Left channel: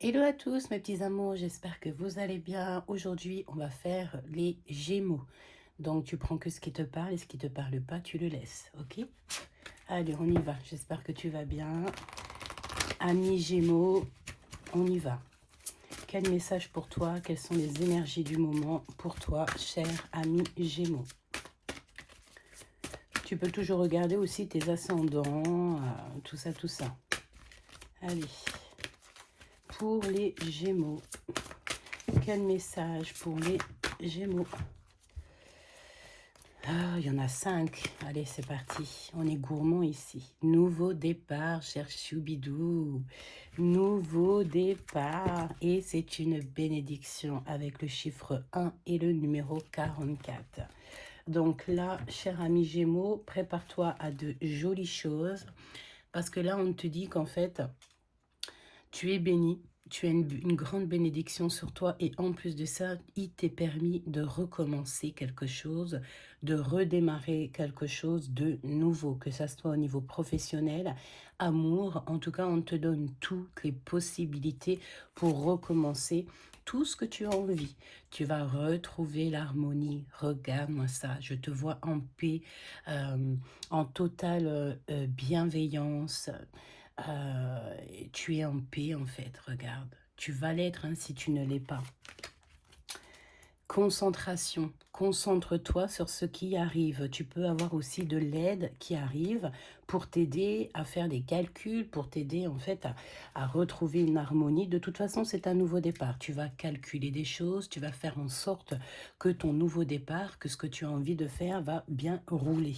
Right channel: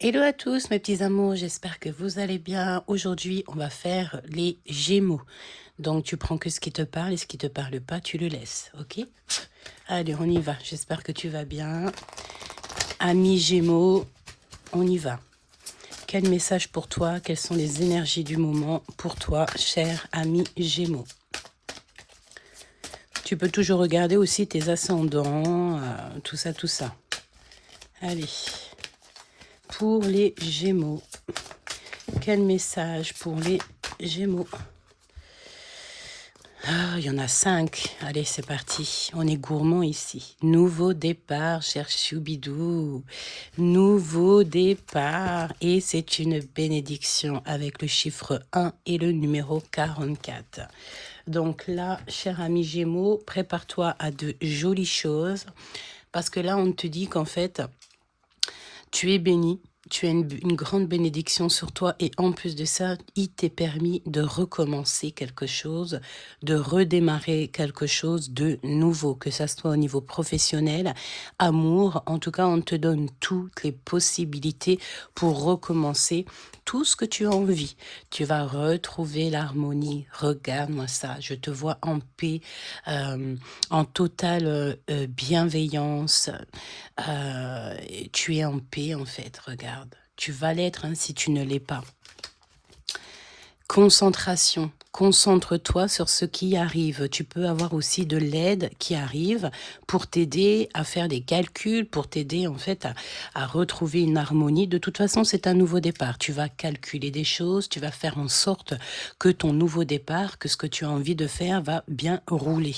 Hello à tous mes petits amours, j'espère que vous allez bien. Aujourd'hui, on va faire les Gémeaux. Donc tu prends que ce qui te parle et ce qui te parle pas, tu le laisses, ok? Allez, on y va. J'espère que tu vas bien. Amis Gémeaux, on y va. Quel message pour toi? Quelles sont les énergies du moment pour toi, cher ami Gémeaux? Tu peux toujours regarder aussi tes ascendants, tout ça, tout ça. Allez, pour les Gémeaux. Quel message pour les Gémeaux? Ah, il y en a 5. Allez, c'est parti. On est gourmand ici. Nouveau départ, cher Choubidou. Nouveau départ. Et c'est une bénédiction avec le chiffre 1 et le numéro 44. Donc là, cher ami Gémeaux, prépare-toi à de jolies choses. Parce que là, on te dit qu'en fait, tu es béni, tu as une grande bénédiction sur toi et en plus de ça, il t'est permis de recommencer quelque chose, de redémarrer quelque chose de nouveau, que ça soit au niveau professionnel, amour, en tout cas, on te donne toutes les possibilités pour recommencer tout ce que tu as envie. Tu vas retrouver l'harmonie. Regarde-moi ça, je te vois en paix, en totale bienveillance. Euh, Tu es en paix en fait, regarde. Tu vas l'être hein, si tu ne l'es pas. Concentration. Concentre-toi sur ce qui arrive. Tu peux avoir aussi de l'aide qui arrive pour t'aider à faire des calculs, pour t'aider en fait à retrouver une harmonie. De toute façon, c'est un nouveau départ. Tu vas calculer des choses, tu vas faire en sorte que ton nouveau départ, que ce que tu as envie de faire va bien rouler.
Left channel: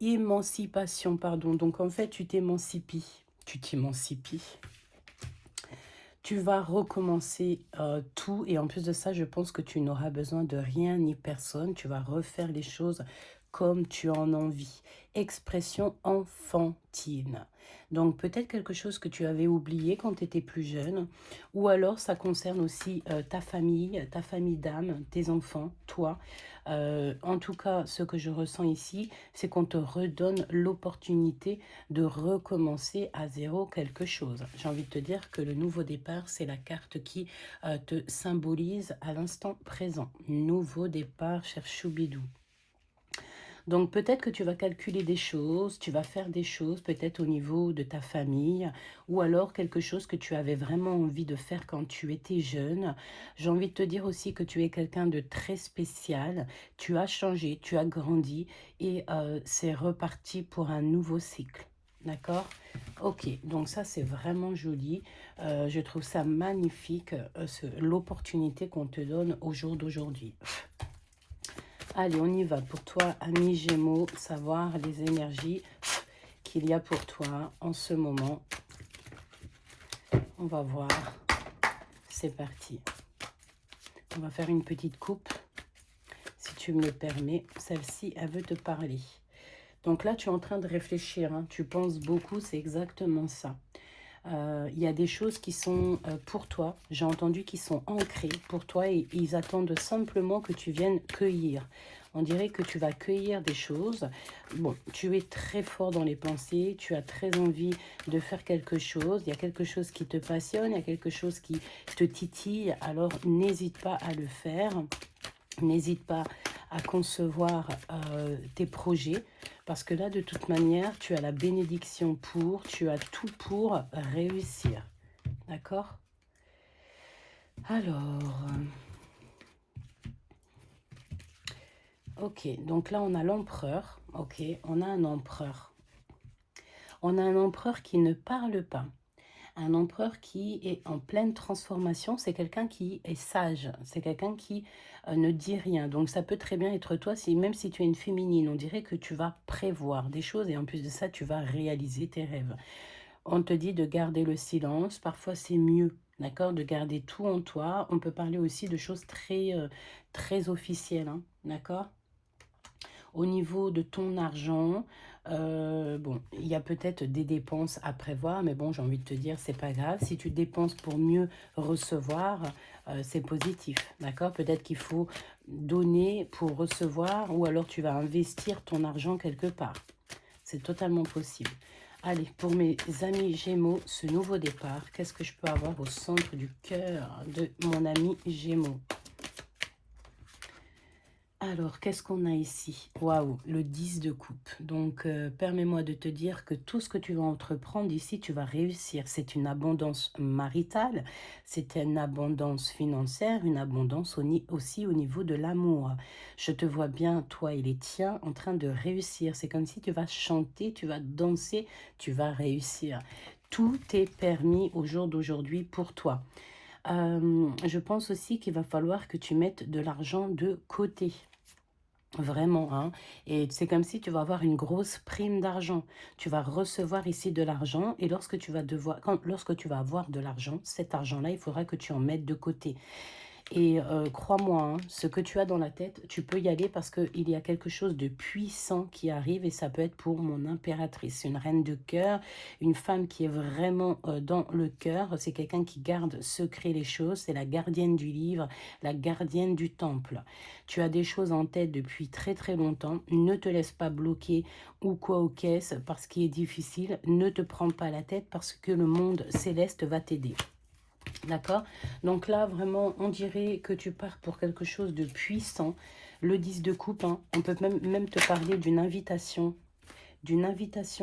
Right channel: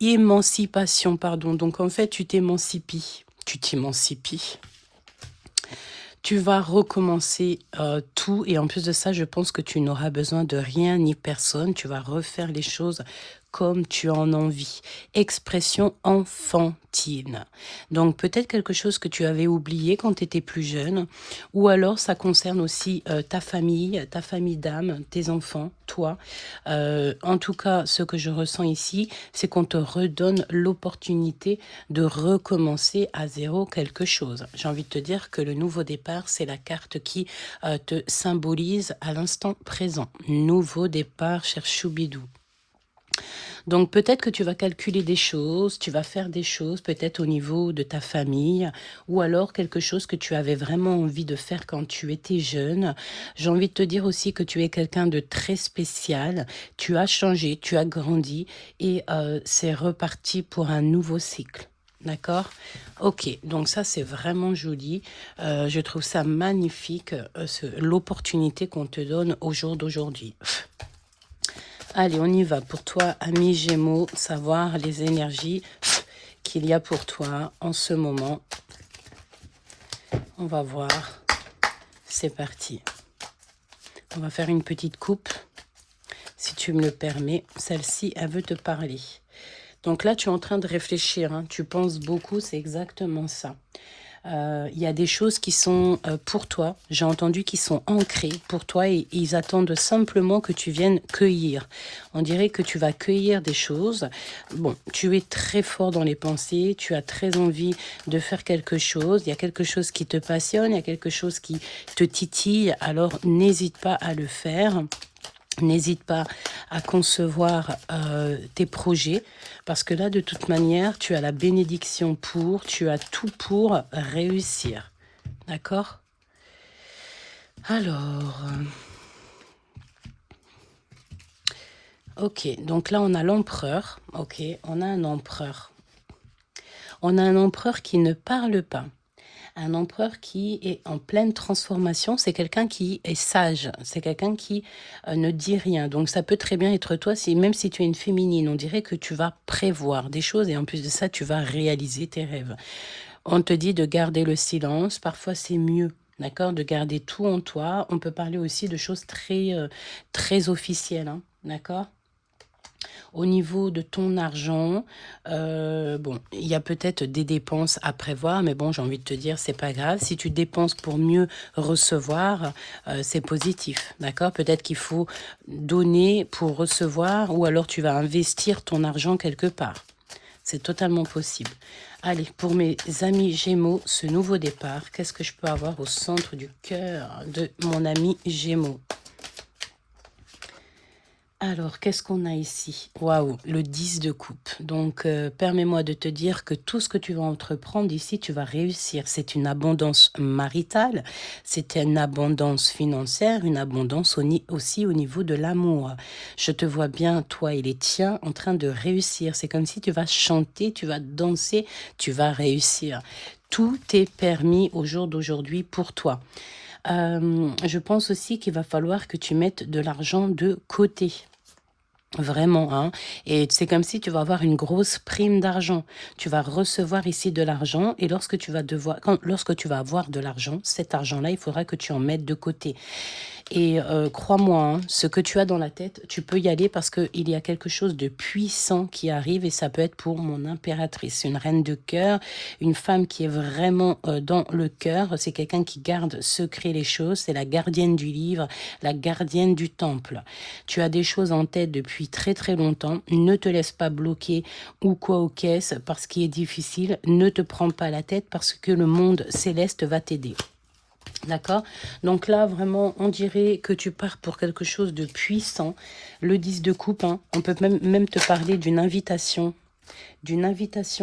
Émancipation, pardon. Donc, en fait, tu t'émancipes. Tu t'émancipes. Tu vas recommencer tout. Et en plus de ça, je pense que tu n'auras besoin de rien ni personne. Tu vas refaire les choses comme tu en as envie. Expression enfantine. Donc peut-être quelque chose que tu avais oublié quand tu étais plus jeune. Ou alors ça concerne aussi ta famille d'âme, tes enfants, toi. En tout cas, ce que je ressens ici, c'est qu'on te redonne l'opportunité de recommencer à zéro quelque chose. J'ai envie de te dire que le nouveau départ, c'est la carte qui te symbolise à l'instant présent. Nouveau départ, cher Choubidou. Donc peut-être que tu vas calculer des choses, tu vas faire des choses peut-être au niveau de ta famille ou alors quelque chose que tu avais vraiment envie de faire quand tu étais jeune. J'ai envie de te dire aussi que tu es quelqu'un de très spécial, tu as changé, tu as grandi et c'est reparti pour un nouveau cycle. D'accord? Ok, donc ça c'est vraiment joli. Je trouve ça magnifique, l'opportunité qu'on te donne au jour d'aujourd'hui. Allez, on y va. Pour toi, ami Gémeaux, savoir les énergies qu'il y a pour toi en ce moment. On va voir. C'est parti. On va faire une petite coupe. Si tu me le permets, celle-ci, elle veut te parler. Donc là, tu es en train de réfléchir. Hein. Tu penses beaucoup, c'est exactement ça. Il y a des choses qui sont pour toi, j'ai entendu qui sont ancrées pour toi et ils attendent simplement que tu viennes cueillir. On dirait que tu vas cueillir des choses. Bon, tu es très fort dans les pensées, tu as très envie de faire quelque chose, il y a quelque chose qui te passionne, il y a quelque chose qui te titille, alors n'hésite pas à le faire. N'hésite pas à concevoir tes projets parce que là, de toute manière, tu as la bénédiction pour, tu as tout pour réussir. D'accord? Alors, ok, donc là, on a l'empereur. Ok, on a un empereur. On a un empereur qui ne parle pas. Un empereur qui est en pleine transformation, c'est quelqu'un qui est sage, c'est quelqu'un qui ne dit rien. Donc ça peut très bien être toi, même si tu es une féminine, on dirait que tu vas prévoir des choses et en plus de ça, tu vas réaliser tes rêves. On te dit de garder le silence, parfois c'est mieux. D'accord, de garder tout en toi. On peut parler aussi de choses très officielles. Hein, d'accord. Au niveau de ton argent, bon, il y a peut-être des dépenses à prévoir, mais bon, j'ai envie de te dire, c'est pas grave. Si tu dépenses pour mieux recevoir, c'est positif, d'accord? Peut-être qu'il faut donner pour recevoir, ou alors tu vas investir ton argent quelque part. C'est totalement possible. Allez, pour mes amis Gémeaux, ce nouveau départ, qu'est-ce que je peux avoir au centre du cœur de mon ami Gémeaux? Alors, qu'est-ce qu'on a ici? Waouh, le 10 de coupe. Donc, permets-moi de te dire que tout ce que tu vas entreprendre ici, tu vas réussir. C'est une abondance maritale, c'est une abondance financière, une abondance aussi au niveau de l'amour. Je te vois bien, toi et les tiens, en train de réussir. C'est comme si tu vas chanter, tu vas danser, tu vas réussir. Tout est permis au jour d'aujourd'hui pour toi. Je pense aussi qu'il va falloir que tu mettes de l'argent de côté. Vraiment, hein. Et c'est comme si tu vas avoir une grosse prime d'argent. Tu vas recevoir ici de l'argent et lorsque tu vas avoir de l'argent, cet argent-là, il faudra que tu en mettes de côté. Et crois-moi, hein, ce que tu as dans la tête, tu peux y aller parce qu'il y a quelque chose de puissant qui arrive et ça peut être pour mon impératrice, une reine de cœur, une femme qui est vraiment dans le cœur. C'est quelqu'un qui garde secret les choses, c'est la gardienne du livre, la gardienne du temple. Tu as des choses en tête depuis très très longtemps, ne te laisse pas bloquer ou quoi aux caisses parce qu'il est difficile, ne te prends pas la tête parce que le monde céleste va t'aider. D'accord? Donc là, vraiment, on dirait que tu pars pour quelque chose de puissant. Le 10 de coupe, hein, on peut même te parler d'une invitation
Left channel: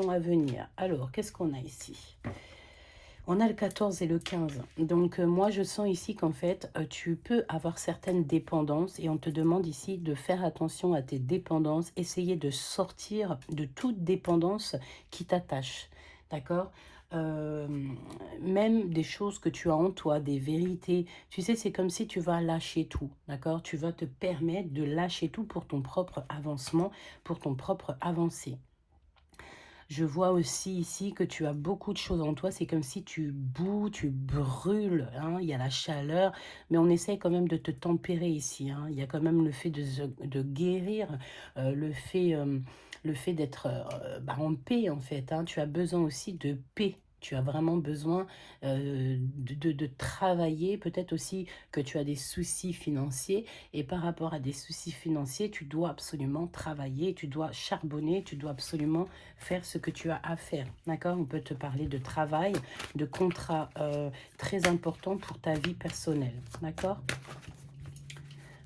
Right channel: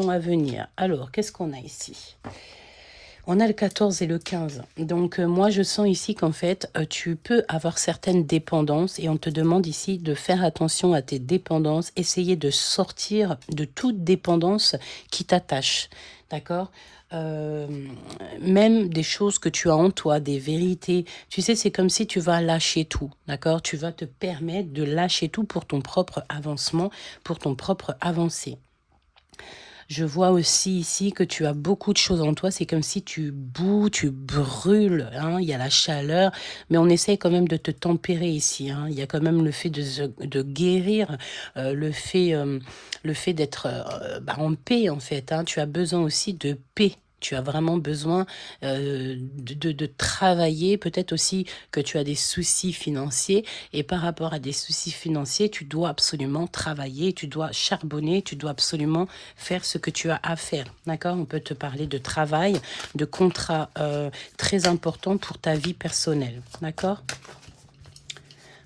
à venir. Alors, qu'est-ce qu'on a ici? On a le 14 et le 15. Donc, moi, je sens ici qu'en fait, tu peux avoir certaines dépendances et on te demande ici de faire attention à tes dépendances, essayer de sortir de toute dépendance qui t'attache. D'accord? Euh, Même des choses que tu as en toi, des vérités. Tu sais, c'est comme si tu vas lâcher tout. D'accord? Tu vas te permettre de lâcher tout pour ton propre avancement, pour ton propre avancée. Je vois aussi ici que tu as beaucoup de choses en toi. C'est comme si tu boues, tu brûles. Hein, il y a la chaleur, mais on essaye quand même de te tempérer ici. Hein. Il y a quand même le fait de guérir, le fait d'être en paix en fait. Hein. Tu as besoin aussi de paix. Tu as vraiment besoin de travailler. Peut-être aussi que tu as des soucis financiers. Et par rapport à des soucis financiers, tu dois absolument travailler, tu dois charbonner, tu dois absolument faire ce que tu as à faire. D'accord? On peut te parler de travail, de contrat très important pour ta vie personnelle. D'accord?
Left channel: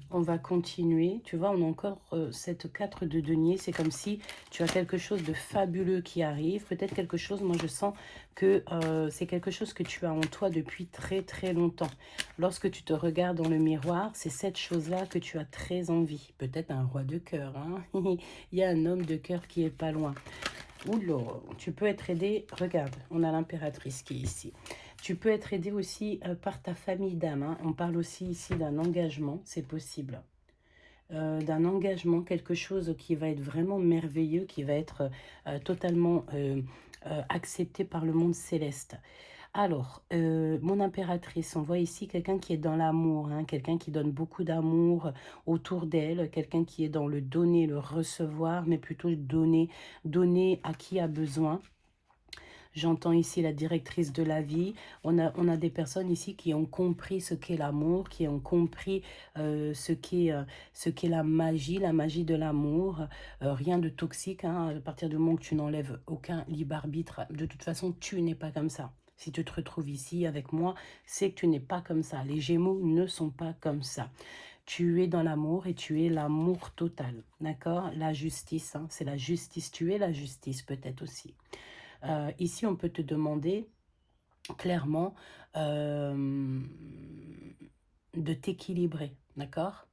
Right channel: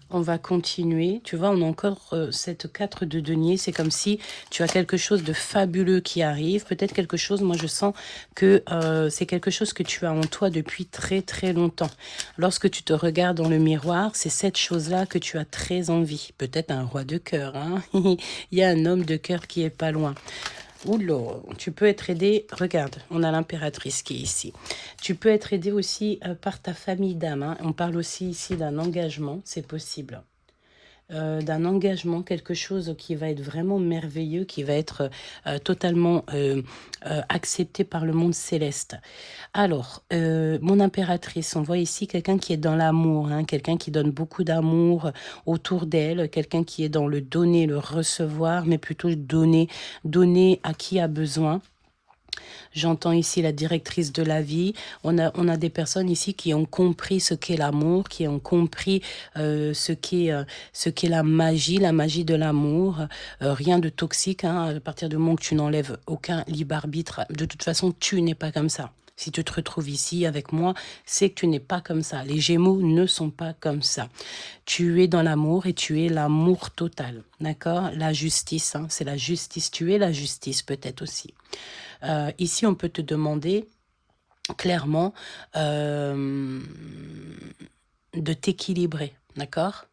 On va continuer. Tu vois, on a encore cette 4 de denier. C'est comme si tu as quelque chose de fabuleux qui arrive. Peut-être quelque chose, moi je sens que c'est quelque chose que tu as en toi depuis très très longtemps. Lorsque tu te regardes dans le miroir, c'est cette chose-là que tu as très envie. Peut-être un roi de cœur. Hein. Il y a un homme de cœur qui est pas loin. Oula, tu peux être aidé, regarde, on a l'impératrice qui est ici. Tu peux être aidé aussi par ta famille d'âme. Hein. On parle aussi ici d'un engagement, c'est possible. D'un engagement, quelque chose qui va être vraiment merveilleux, qui va être totalement accepté par le monde céleste. Alors, mon impératrice, on voit ici quelqu'un qui est dans l'amour, hein, quelqu'un qui donne beaucoup d'amour autour d'elle, quelqu'un qui est dans le donner, le recevoir, mais plutôt donner à qui a besoin. J'entends ici la directrice de la vie. On a des personnes ici qui ont compris ce qu'est l'amour, qui ont compris ce qu'est la magie de l'amour. Rien de toxique, hein, à partir du moment que tu n'enlèves aucun libre arbitre. De toute façon, tu n'es pas comme ça. Si tu te retrouves ici avec moi, c'est que tu n'es pas comme ça. Les Gémeaux ne sont pas comme ça. Tu es dans l'amour et tu es l'amour total. D'accord? La justice, hein, c'est la justice. Tu es la justice peut-être aussi. Ici, on peut te demander clairement de t'équilibrer, d'accord?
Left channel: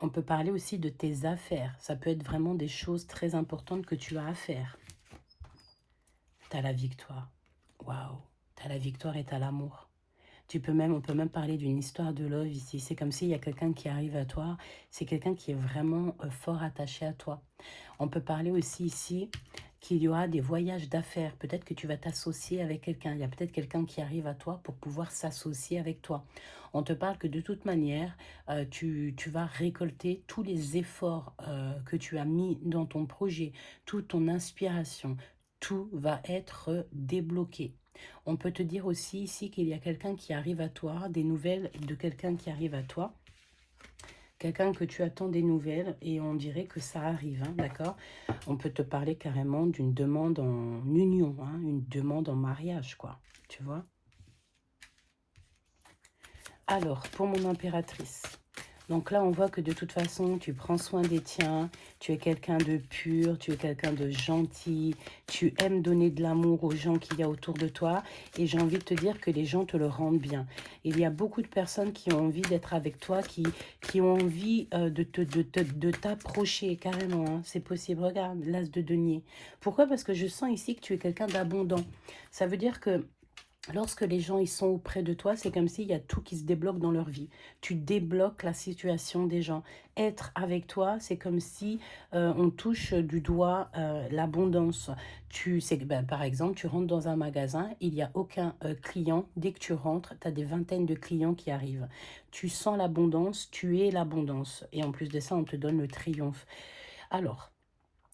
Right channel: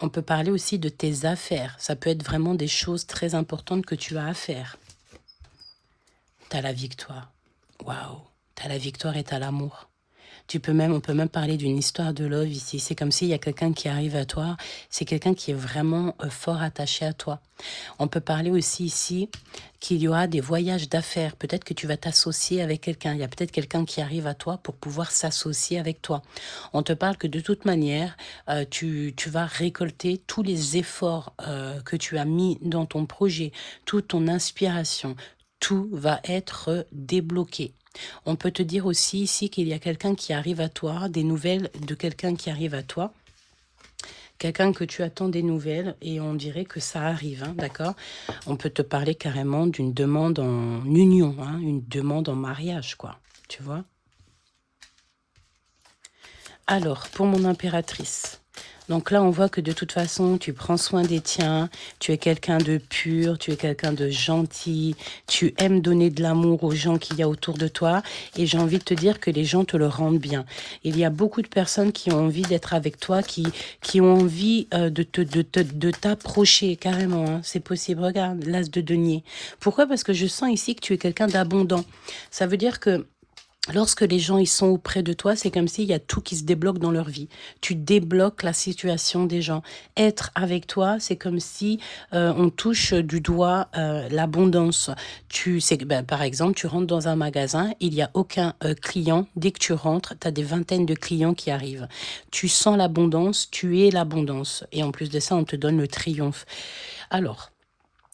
On peut parler aussi de tes affaires. Ça peut être vraiment des choses très importantes que tu as à faire. Tu as la victoire. Waouh! Tu as la victoire et tu as l'amour. On peut même parler d'une histoire de love ici. C'est comme s'il y a quelqu'un qui arrive à toi. C'est quelqu'un qui est vraiment fort attaché à toi. On peut parler aussi ici qu'il y aura des voyages d'affaires. Peut-être que tu vas t'associer avec quelqu'un. Il y a peut-être quelqu'un qui arrive à toi pour pouvoir s'associer avec toi. On te parle que de toute manière, tu vas récolter tous les efforts que tu as mis dans ton projet, toute ton inspiration. Tout va être débloqué. On peut te dire aussi ici qu'il y a quelqu'un qui arrive à toi, des nouvelles de quelqu'un qui arrive à toi, quelqu'un que tu attends des nouvelles et on dirait que ça arrive, hein, d'accord? On peut te parler carrément d'une demande en union, hein, une demande en mariage, quoi, tu vois? Alors, pour mon impératrice, donc là, on voit que de toute façon, tu prends soin des tiens, tu es quelqu'un de pur, tu es quelqu'un de gentil, tu aimes donner de l'amour aux gens qu'il y a autour de toi, et j'ai envie de te dire que les gens te le rendent bien. Il y a beaucoup de personnes qui ont envie d'être avec toi, qui ont envie de t'approcher carrément, hein. C'est possible. Regarde, l'as de denier. Pourquoi? Parce que je sens ici que tu es quelqu'un d'abondant. Ça veut dire que lorsque les gens ils sont auprès de toi, c'est comme s'il y a tout qui se débloque dans leur vie. Tu débloques la situation des gens. Être avec toi, c'est comme si on touche du doigt l'abondance. Par exemple, tu rentres dans un magasin, il n'y a aucun client. Dès que tu rentres, tu as des vingtaines de clients qui arrivent. Tu sens l'abondance, tu es l'abondance. Et en plus de ça, on te donne le triomphe. Alors,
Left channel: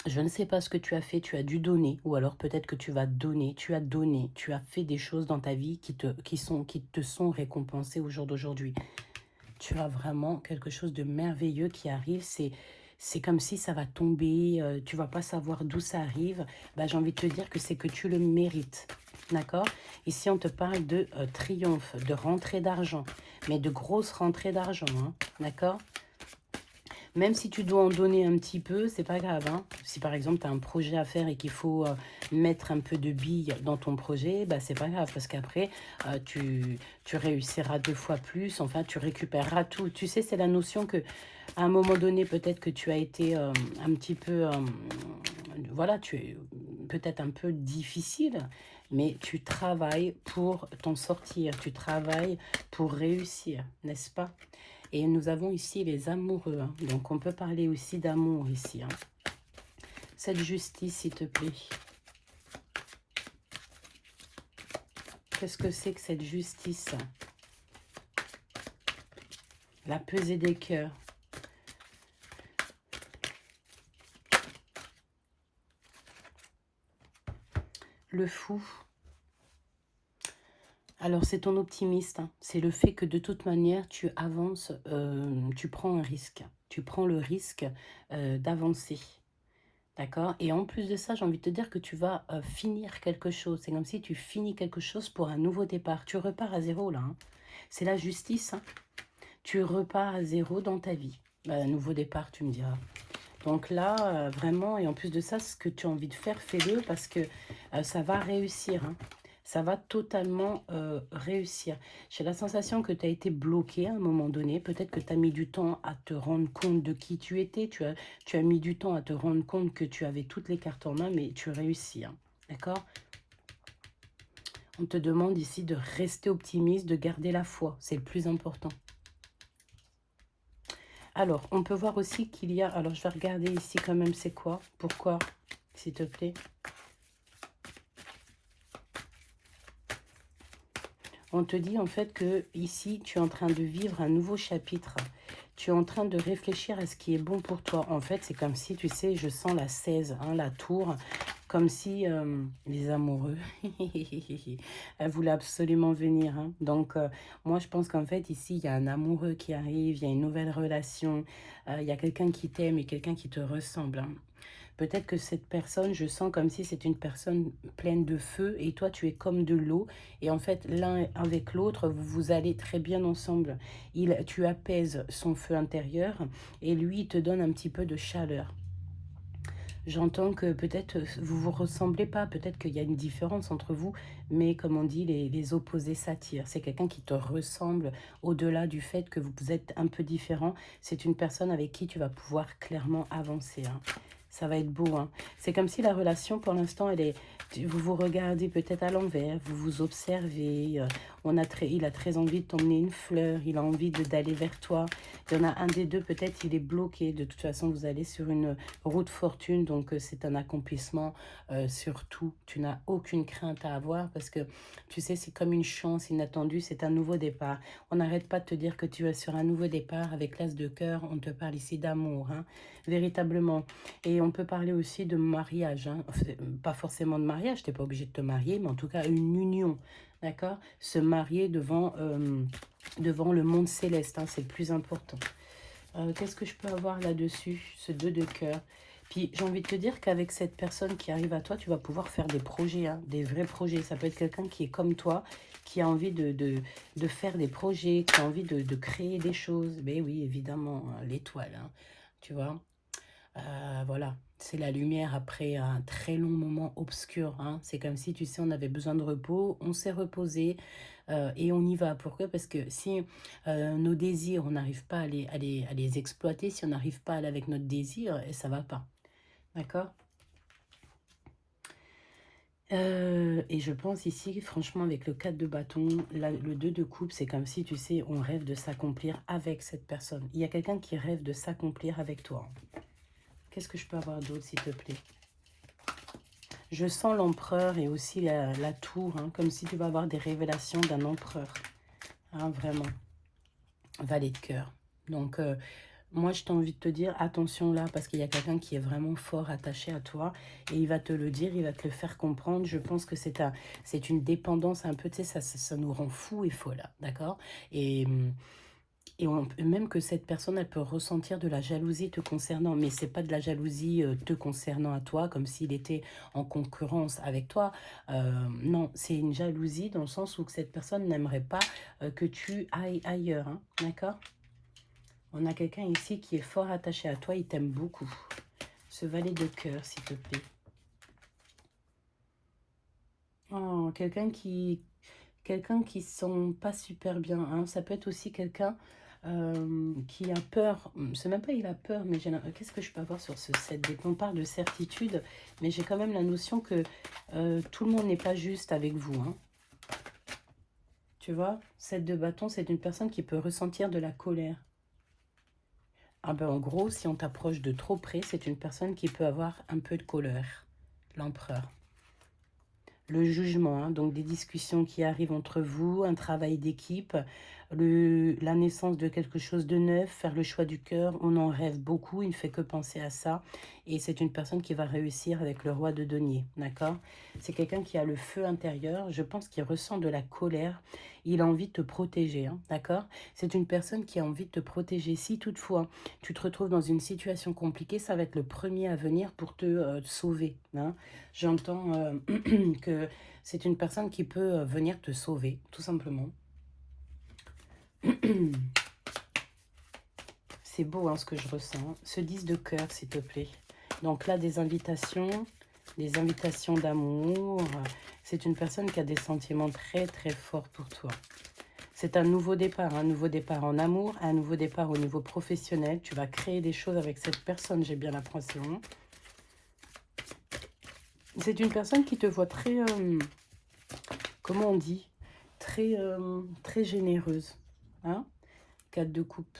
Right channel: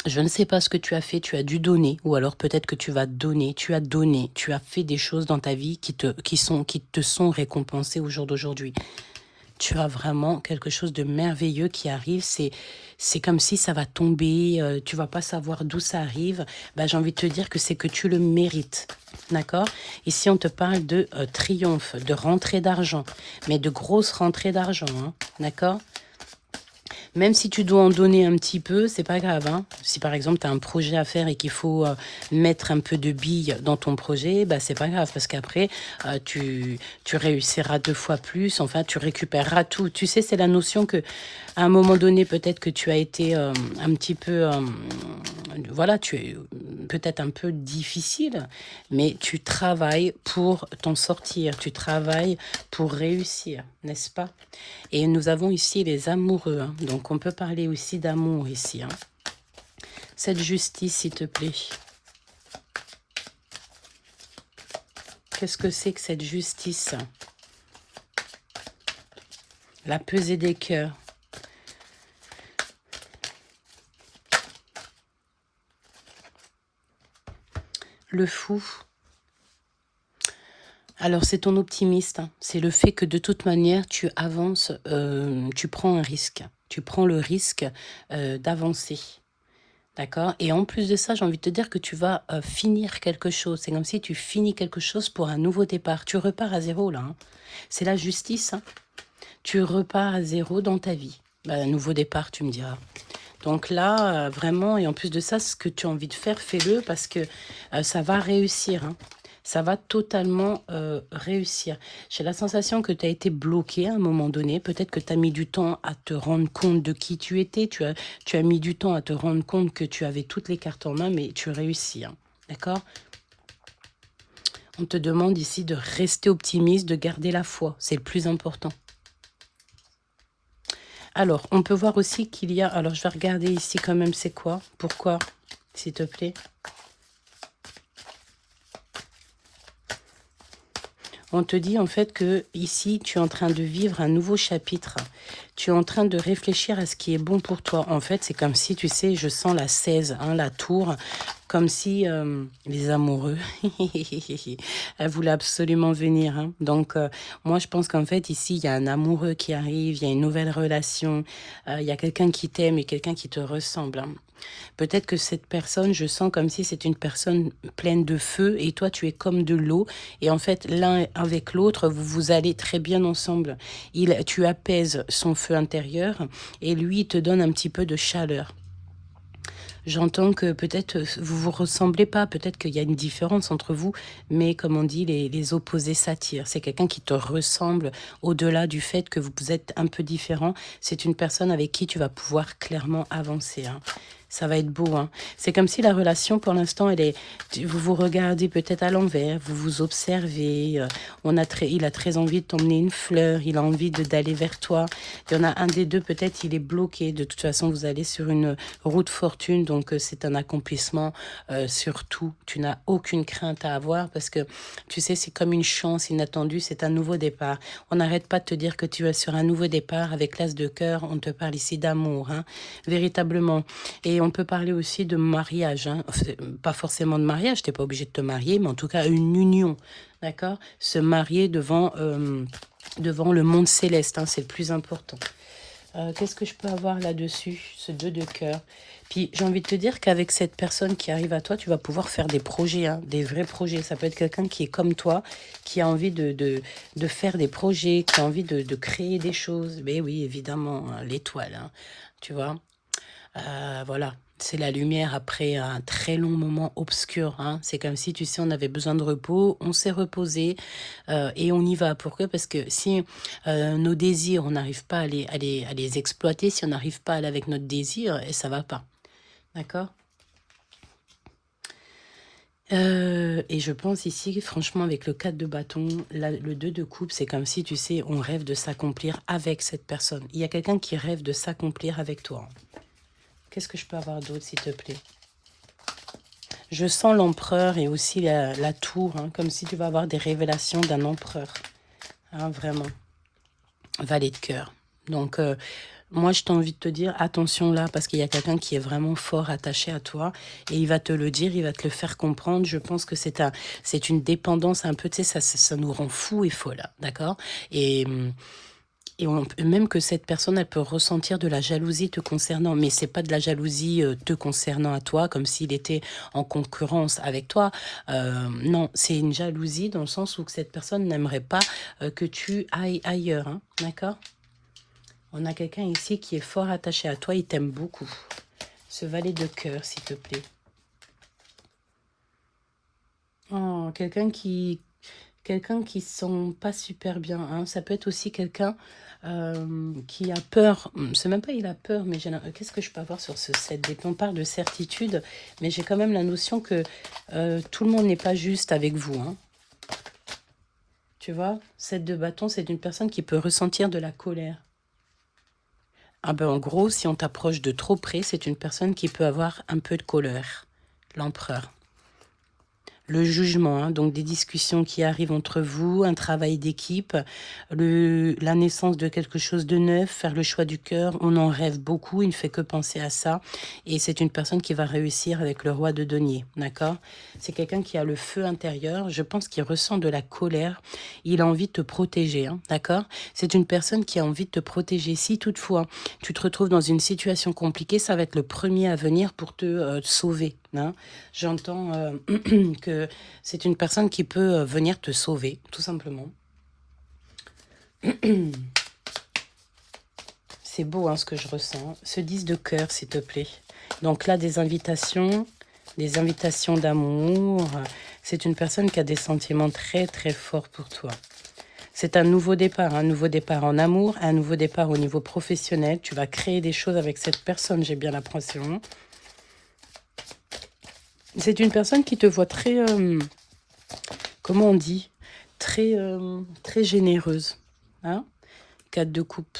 je ne sais pas ce que tu as fait, tu as dû donner, ou alors peut-être que tu vas donner, tu as fait des choses dans ta vie qui te sont récompensées au jour d'aujourd'hui. Tu as vraiment quelque chose de merveilleux qui arrive, c'est comme si ça va tomber, tu vas pas savoir d'où ça arrive. Bah, j'ai envie de te dire que c'est que tu le mérites. D'accord? Ici, on te parle de triomphe, de rentrée d'argent, mais de grosses rentrées d'argent. Hein, d'accord? Même si tu dois en donner un petit peu, c'est pas grave, hein. Si par exemple tu as un projet à faire et qu'il faut mettre un peu de billes dans ton projet, bah c'est pas grave parce qu'après tu réussiras 2 fois plus, enfin tu récupéreras tout. Tu sais, c'est la notion que à un moment donné, peut-être que tu as été un petit peu, voilà, tu es peut-être un peu difficile, mais tu travailles pour t'en sortir, tu travailles pour réussir, n'est-ce pas? Et nous avons ici les amoureux, hein. Donc on peut parler aussi d'amour ici, hein. Cette justice, s'il te plaît. Qu'est-ce que c'est que cette justice? La pesée des cœurs. Le fou. Alors, c'est ton optimiste, hein. C'est le fait que de toute manière, tu avances, tu prends un risque. Tu prends le risque d'avancer. D'accord? Et en plus de ça, j'ai envie de te dire que tu vas finir quelque chose. C'est comme si tu finis quelque chose pour un nouveau départ. Tu repars à zéro, là, hein. C'est la justice, hein. Tu repars à zéro dans ta vie. Bah, un nouveau départ, tu me diras. Donc là, vraiment, et en plus de ça, ce que tu as envie de faire, fais-le parce que ça va réussir, hein. Ça va totalement réussir. J'ai la sensation que tu as été bloqué à un moment donné. Peut-être que tu as mis du temps à te rendre compte de qui tu étais. Tu as mis du temps à te rendre compte que tu avais toutes les cartes en main, mais tu réussis, hein. D'accord? On te demande ici de rester optimiste, de garder la foi. C'est le plus important. Alors, on peut voir aussi qu'il y a... Alors, je vais regarder ici quand même c'est quoi. Pourquoi, s'il te plaît? On te dit en fait que ici, tu es en train de vivre un nouveau chapitre. Tu es en train de réfléchir à ce qui est bon pour toi. En fait, c'est comme si, tu sais, je sens la 16, hein, la tour, comme si les amoureux, elles voulaient absolument venir, hein. Donc, moi, je pense qu'en fait, ici, il y a un amoureux qui arrive, il y a une nouvelle relation, il y a quelqu'un qui t'aime et quelqu'un qui te ressemble, hein. Peut-être que cette personne, je sens comme si c'est une personne pleine de feu et toi, tu es comme de l'eau. Et en fait, l'un avec l'autre, vous allez très bien ensemble. Tu apaises son feu intérieur et lui, il te donne un petit peu de chaleur. J'entends que peut-être vous vous ressemblez pas, peut-être qu'il y a une différence entre vous, mais comme on dit, les opposés s'attirent. C'est quelqu'un qui te ressemble au-delà du fait que vous êtes un peu différent. C'est une personne avec qui tu vas pouvoir clairement avancer, hein. Ça va être beau, hein. C'est comme si la relation, pour l'instant, vous vous regardez peut-être à l'envers, vous vous observez. Il a très envie de t'emmener une fleur, il a envie d'aller vers toi. Il y en a un des deux, peut-être, il est bloqué. De toute façon, vous allez sur une route fortune, donc c'est un accomplissement sur tout. Tu n'as aucune crainte à avoir parce que, tu sais, c'est comme une chance inattendue, c'est un nouveau départ. On n'arrête pas de te dire que tu es sur un nouveau départ avec l'as de cœur. On te parle ici d'amour, hein, véritablement. Et on peut parler aussi de mariage, hein. Pas forcément de mariage, tu n'es pas obligé de te marier, mais en tout cas une union, d'accord? Se marier devant le monde céleste, hein, c'est le plus important. Qu'est-ce que je peux avoir là-dessus? Ce 2 de cœur. Puis j'ai envie de te dire qu'avec cette personne qui arrive à toi, tu vas pouvoir faire des projets, hein, des vrais projets. Ça peut être quelqu'un qui est comme toi, qui a envie de faire des projets, qui a envie de créer des choses. Mais oui, évidemment, hein, l'étoile, hein, tu vois. Voilà, c'est la lumière après un très long moment obscur, hein. C'est comme si, tu sais, on avait besoin de repos, on s'est reposé et on y va. Pourquoi? Parce que si nos désirs, on n'arrive pas à les exploiter, si on n'arrive pas à aller avec notre désir, et ça va pas. D'accord? Et je pense ici, franchement, avec le 4 de bâton, le 2 de coupe, c'est comme si, tu sais, on rêve de s'accomplir avec cette personne. Il y a quelqu'un qui rêve de s'accomplir avec toi. Qu'est-ce que je peux avoir d'autre, s'il te plaît? Je sens l'empereur et aussi la tour, hein, comme si tu vas avoir des révélations d'un empereur. Hein, vraiment. Valet de cœur. Donc, moi, je t'ai envie de te dire, attention là, parce qu'il y a quelqu'un qui est vraiment fort attaché à toi, et il va te le dire, il va te le faire comprendre. Je pense que c'est une dépendance un peu, tu sais, ça nous rend fou et folle, d'accord? Et même que cette personne, elle peut ressentir de la jalousie te concernant, mais c'est pas de la jalousie te concernant à toi, comme s'il était en concurrence avec toi. Non, c'est une jalousie dans le sens où que cette personne n'aimerait pas que tu ailles ailleurs, hein, d'accord? On a quelqu'un ici qui est fort attaché à toi, il t'aime beaucoup. Ce valet de cœur, s'il te plaît. Oh, quelqu'un qui se sent pas super bien, hein. Ça peut être aussi quelqu'un qui a peur. C'est même pas il a peur, mais qu'est-ce que je peux avoir sur ce 7 d'épée? On parle de certitude, mais j'ai quand même la notion que tout le monde n'est pas juste avec vous, hein. Tu vois, 7 de bâton, c'est une personne qui peut ressentir de la colère. Ah ben, en gros, si on t'approche de trop près, c'est une personne qui peut avoir un peu de colère. L'empereur. Le jugement, hein, donc des discussions qui arrivent entre vous, un travail d'équipe, la naissance de quelque chose de neuf, faire le choix du cœur, on en rêve beaucoup, il ne fait que penser à ça. Et c'est une personne qui va réussir avec le roi de denier, d'accord? C'est quelqu'un qui a le feu intérieur, je pense qu'il ressent de la colère, il a envie de te protéger, hein, d'accord? C'est une personne qui a envie de te protéger. Si toutefois tu te retrouves dans une situation compliquée, ça va être le premier à venir pour te sauver, hein. J'entends que c'est une personne qui peut venir te sauver, tout simplement. C'est beau, hein, ce que je ressens. Ce 10 de cœur, s'il te plaît. Donc là, des invitations d'amour. C'est une personne qui a des sentiments très, très forts pour toi. C'est un nouveau départ en amour, un nouveau départ au niveau professionnel. Tu vas créer des choses avec cette personne, j'ai bien l'impression. C'est une personne qui te voit très, comment on dit, très, très généreuse. Hein? 4 de coupe.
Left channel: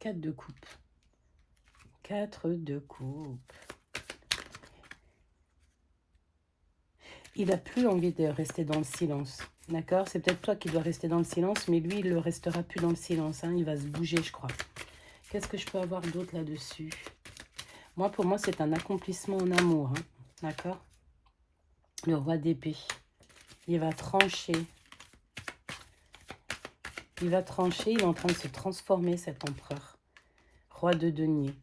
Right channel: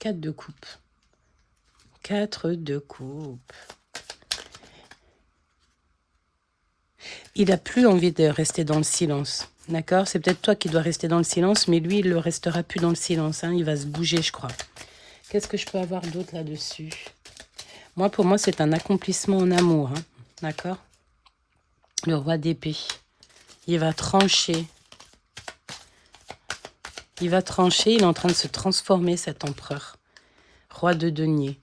4 de coupe. 4 de coupe. Il n'a plus envie de rester dans le silence. D'accord? C'est peut-être toi qui dois rester dans le silence, mais lui, il ne restera plus dans le silence. Hein? Il va se bouger, je crois. Qu'est-ce que je peux avoir d'autre là-dessus? Moi, pour moi, c'est un accomplissement en amour. Hein? D'accord? Le roi d'épée. Il va trancher. Il va trancher. Il est en train de se transformer, cet empereur. Roi de denier.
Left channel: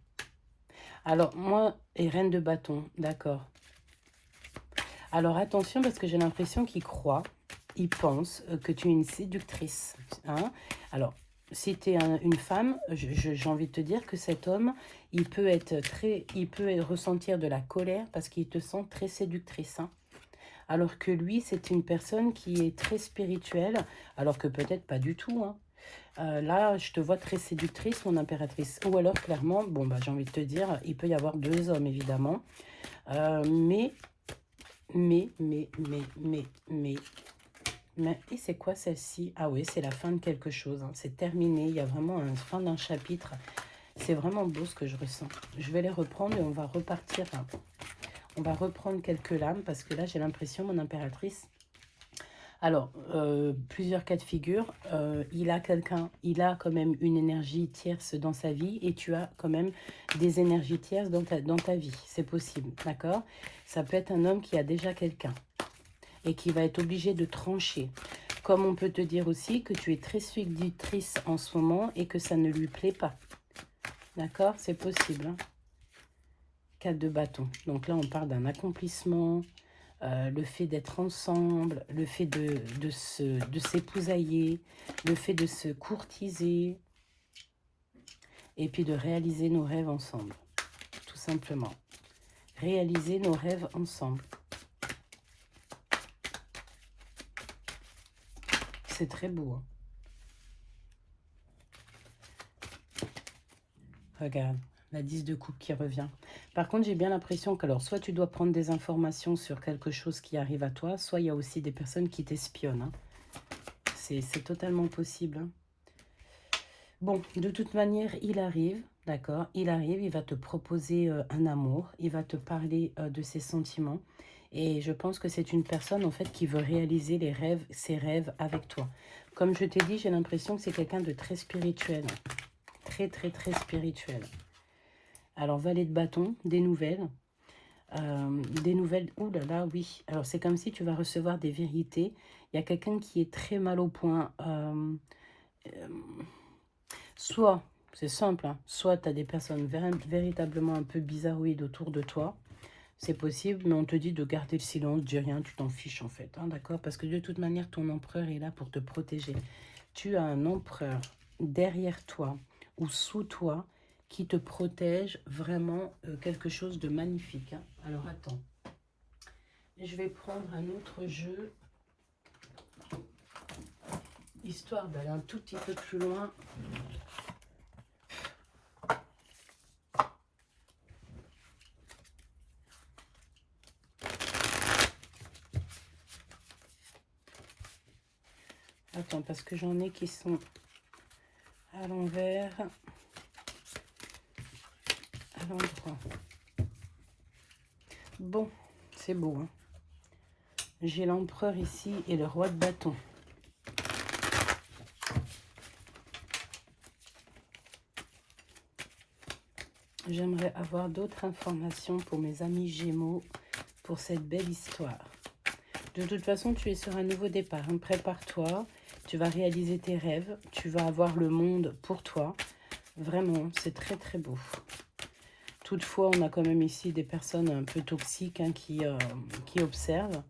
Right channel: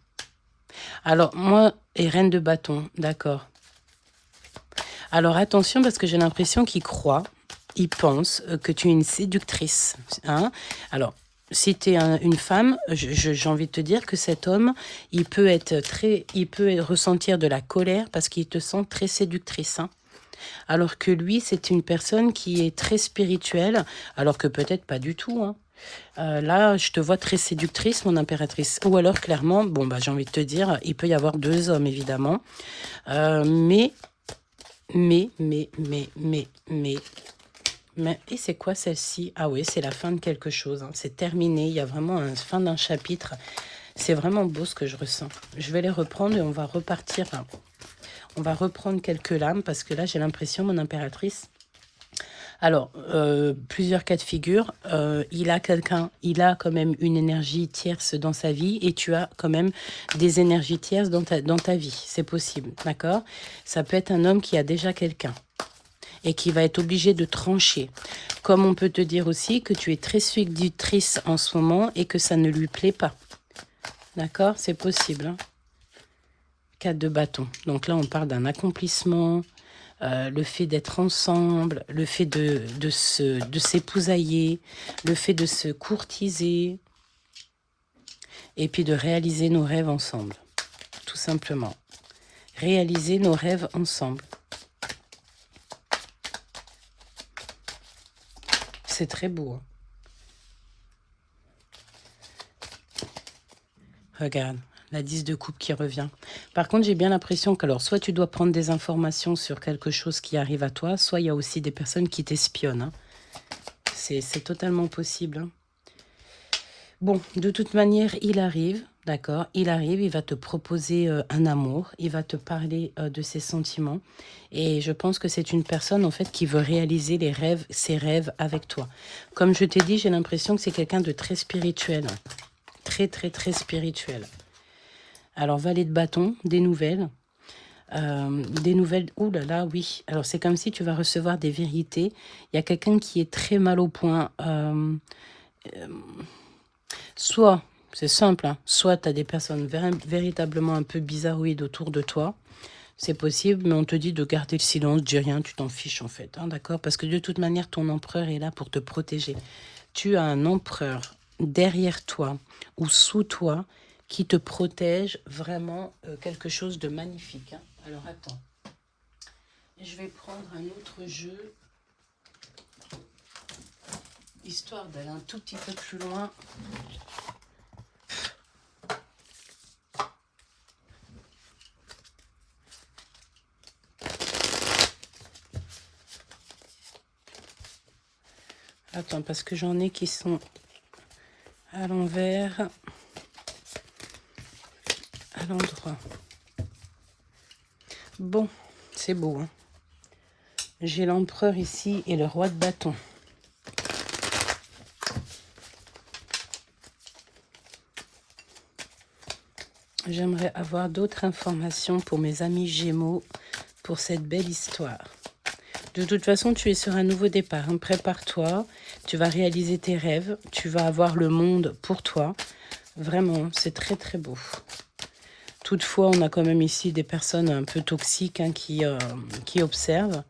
Alors, moi, et reine de bâton. D'accord. Alors, attention, parce que j'ai l'impression qu'il croit, il pense que tu es une séductrice. Hein? Alors, si tu es une femme, j'ai envie de te dire que cet homme, il peut ressentir de la colère parce qu'il te sent très séductrice. Hein? Alors que lui, c'est une personne qui est très spirituelle, alors que peut-être pas du tout. Hein? Là, je te vois très séductrice, mon impératrice. Ou alors, clairement, bon, bah, j'ai envie de te dire, il peut y avoir 2 hommes, évidemment. Mais, et c'est quoi celle-ci? Ah oui, c'est la fin de quelque chose. Hein. C'est terminé. Il y a vraiment une fin d'un chapitre. C'est vraiment beau ce que je ressens. Je vais les reprendre et on va repartir. On va reprendre quelques lames parce que là, j'ai l'impression, mon impératrice... Alors, plusieurs cas de figure. Il a quand même une énergie tierce dans sa vie et tu as quand même des énergies tierces dans ta vie. C'est possible, d'accord? Ça peut être un homme qui a déjà quelqu'un. et qui va être obligé de trancher. Comme on peut te dire aussi que tu es très séductrice en ce moment et que ça ne lui plaît pas. D'accord? C'est possible. Hein? 4 de bâton. Donc là, on parle d'un accomplissement, le fait d'être ensemble, le fait de s'épousailler, le fait de se courtiser, et puis de réaliser nos rêves ensemble, tout simplement. Réaliser nos rêves ensemble. C'est très beau. Hein? Regarde, la 10 de coupe qui revient. Par contre, j'ai bien l'impression que, alors, soit tu dois prendre des informations sur quelque chose qui arrive à toi, soit il y a aussi des personnes qui t'espionnent. Hein. C'est totalement possible. Hein. Bon, de toute manière, il arrive, d'accord? Il arrive, il va te proposer un amour, il va te parler de ses sentiments. Et je pense que c'est une personne, en fait, qui veut réaliser ses rêves avec toi. Comme je t'ai dit, j'ai l'impression que c'est quelqu'un de très spirituel. Très, très, très spirituel. Alors, valet de bâton, des nouvelles. Ouh là là, oui. Alors, c'est comme si tu vas recevoir des vérités. Il y a quelqu'un qui est très mal au point. Soit, c'est simple, hein, soit tu as des personnes véritablement un peu bizarroïdes autour de toi. C'est possible, mais on te dit de garder le silence, dis rien, tu t'en fiches en fait. Hein, d'accord? Parce que de toute manière, ton empereur est là pour te protéger. Tu as un empereur derrière toi ou sous toi qui te protège vraiment quelque chose de magnifique. Hein. Alors attends, je vais prendre un autre jeu, histoire d'aller un tout petit peu plus loin. Attends, parce que j'en ai qui sont à l'envers, à l'endroit. Bon, c'est beau. Hein. J'ai l'empereur ici et le roi de bâton. J'aimerais avoir d'autres informations pour mes amis Gémeaux pour cette belle histoire. De toute façon, tu es sur un nouveau départ. Hein. Prépare-toi, tu vas réaliser tes rêves, tu vas avoir le monde pour toi. Vraiment, c'est très très beau. Toutefois, on a quand même ici des personnes un peu toxiques hein, qui observent.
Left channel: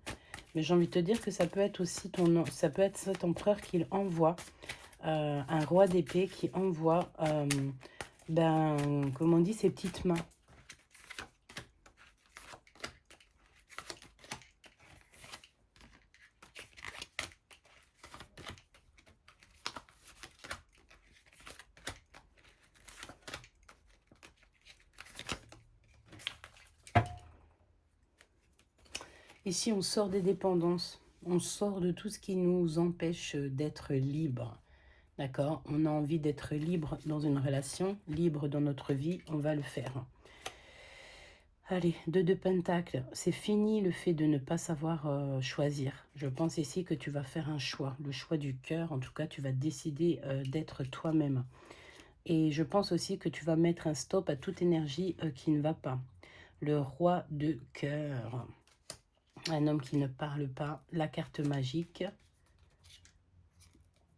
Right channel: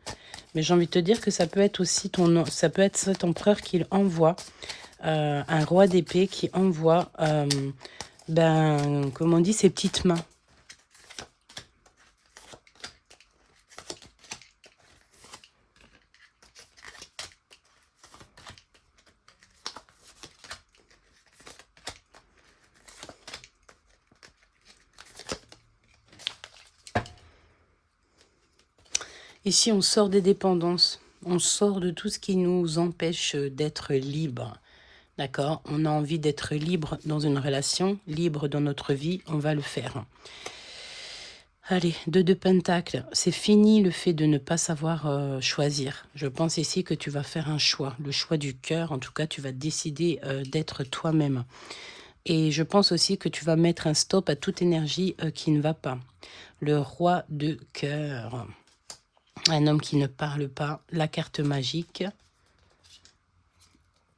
Mais j'ai envie de te dire que ça peut être aussi ça peut être cet empereur qui envoie, un roi d'épée qui envoie, comme on dit, ses petites mains. Ici, on sort des dépendances. On sort de tout ce qui nous empêche d'être libre. D'accord? On a envie d'être libre dans une relation, libre dans notre vie, on va le faire. Allez, 2 de Pentacle, c'est fini le fait de ne pas savoir choisir. Je pense ici que tu vas faire un choix, le choix du cœur. En tout cas, tu vas décider d'être toi-même. Et je pense aussi que tu vas mettre un stop à toute énergie qui ne va pas. Le roi de cœur. Un homme qui ne parle pas, la carte magique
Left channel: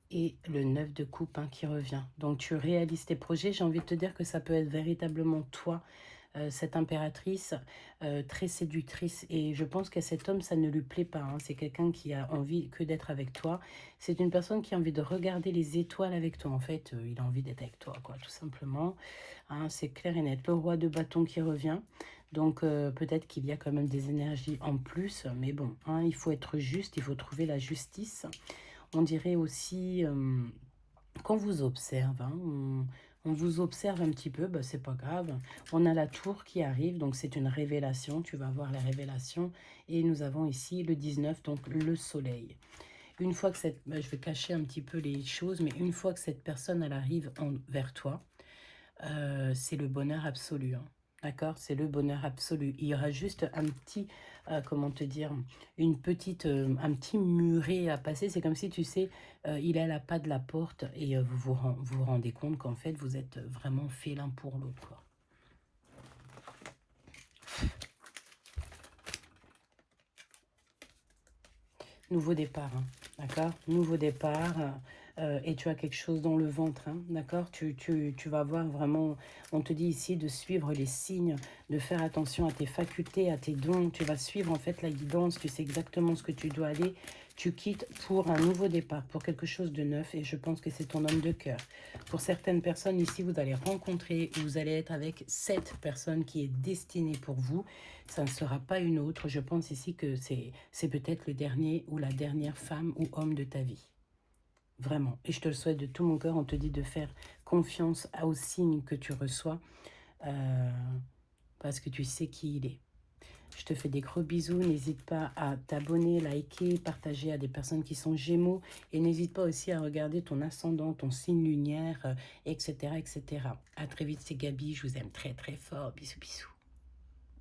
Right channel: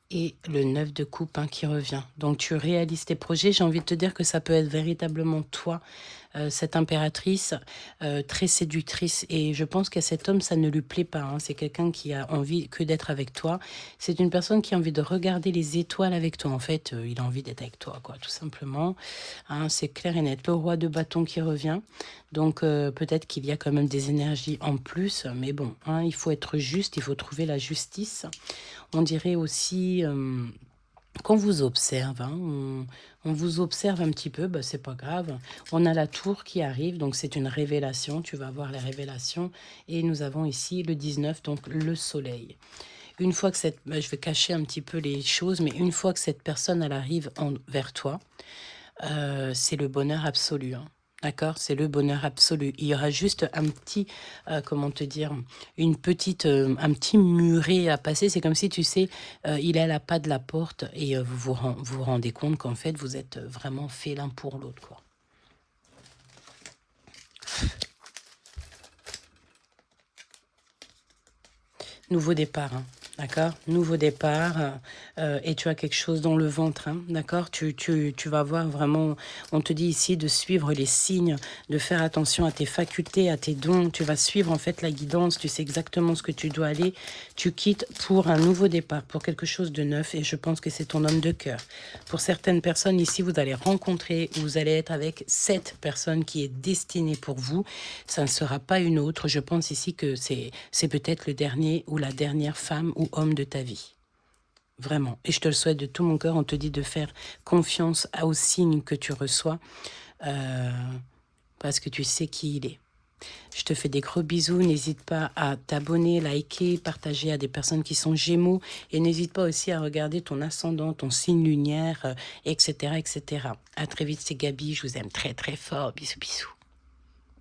et le 9 de coupe hein, qui revient. Donc tu réalises tes projets. J'ai envie de te dire que ça peut être véritablement toi, cette impératrice très séductrice. Et je pense qu'à cet homme, ça ne lui plaît pas. Hein. C'est quelqu'un qui a envie que d'être avec toi. C'est une personne qui a envie de regarder les étoiles avec toi. En fait, il a envie d'être avec toi, quoi, tout simplement. Hein, c'est clair et net. Le roi de bâton qui revient. Donc peut-être qu'il y a quand même des énergies en plus. Mais bon, hein, il faut être juste, il faut trouver la justice. On dirait aussi qu'on vous observe, hein, on vous observe un petit peu, bah, c'est pas grave. On a la tour qui arrive, donc c'est une révélation, tu vas voir les révélations. Et nous avons ici le 19, donc le soleil. Une fois que je vais cacher un petit peu les choses, mais une fois que cette personne, elle arrive vers toi, c'est le bonheur absolu, hein. D'accord? C'est le bonheur absolu. Il y aura juste un petit, comment te dire, un petit muret à passer. C'est comme si, tu sais, il est à la pas de la porte et vous rendez compte qu'en fait, vous êtes vraiment fait l'un pour l'autre, quoi. Nouveau départ, hein, d'accord? Nouveau départ, et tu as quelque chose dans le ventre, hein, d'accord? Tu vas voir vraiment, on te dit ici de suivre les signes, de faire attention à tes facultés, à tes dons. Tu vas suivre en fait la guidance, tu sais exactement ce que tu dois aller. Tu quittes pour un nouveau départ, pour quelque chose de neuf, et je pense que c'est ton homme de cœur. Pour certaines personnes ici, vous allez rencontrer, vous allez être avec cette personne qui est destinée pour vous. Ça ne sera pas une autre. Je pense ici que c'est peut-être le dernier ou la dernière femme ou homme de ta vie. Vraiment. Et je te le souhaite de tout mon cœur. On te dit de faire confiance aux signes que tu reçois euh, parce que tu sais qui il est. Je te fais des gros bisous. N'hésite pas à t'abonner, liker, partager à des personnes qui sont Gémeaux. Et n'hésite pas aussi à regarder ton ascendant, ton signe lunaire, etc., etc. À très vite, c'est Gabi. Je vous aime très, très fort. Bisous, bisous.